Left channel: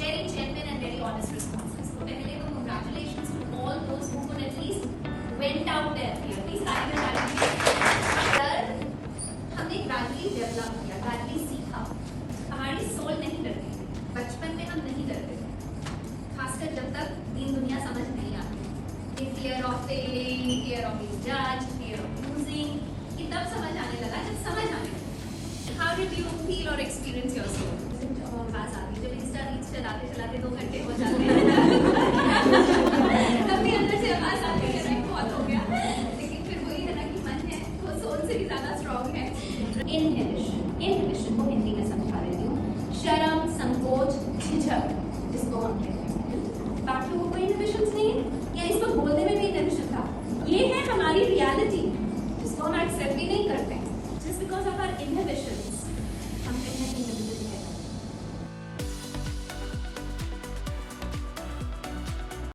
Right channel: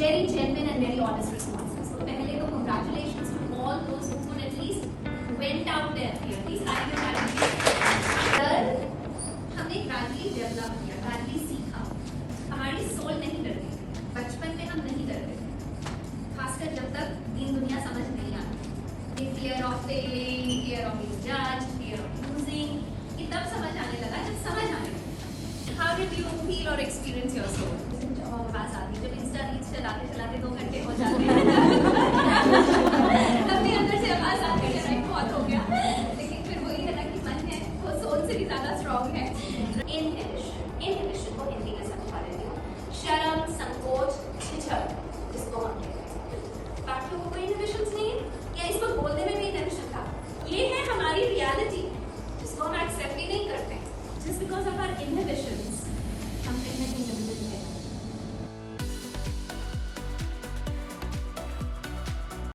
very genuine and very honest responses. So पहले तो congratulations to all those who could at least went out there. Please thank you. हमने gradually develop किया, gradually सीखा. हमारी soul नहीं डरती. बचपन में हम नहीं डरते थे, खासकर जब तक दीन दुनिया समझ नहीं आती. ये fear of failing, fear of being judged, fear of losing, ये तब समझ आने लगा जब समझ आने लगा. How did you feel or experience your soul? पास आती जब इंस्टा रील्स चलाते चलाते 2 घंटे हो जाते हैं अपने अंदर से आवाज आती है बहुत हो गया, लेकिन फिर वही है ना कि मन है वो सोल से भी ज्यादा स्ट्रॉन्ग है.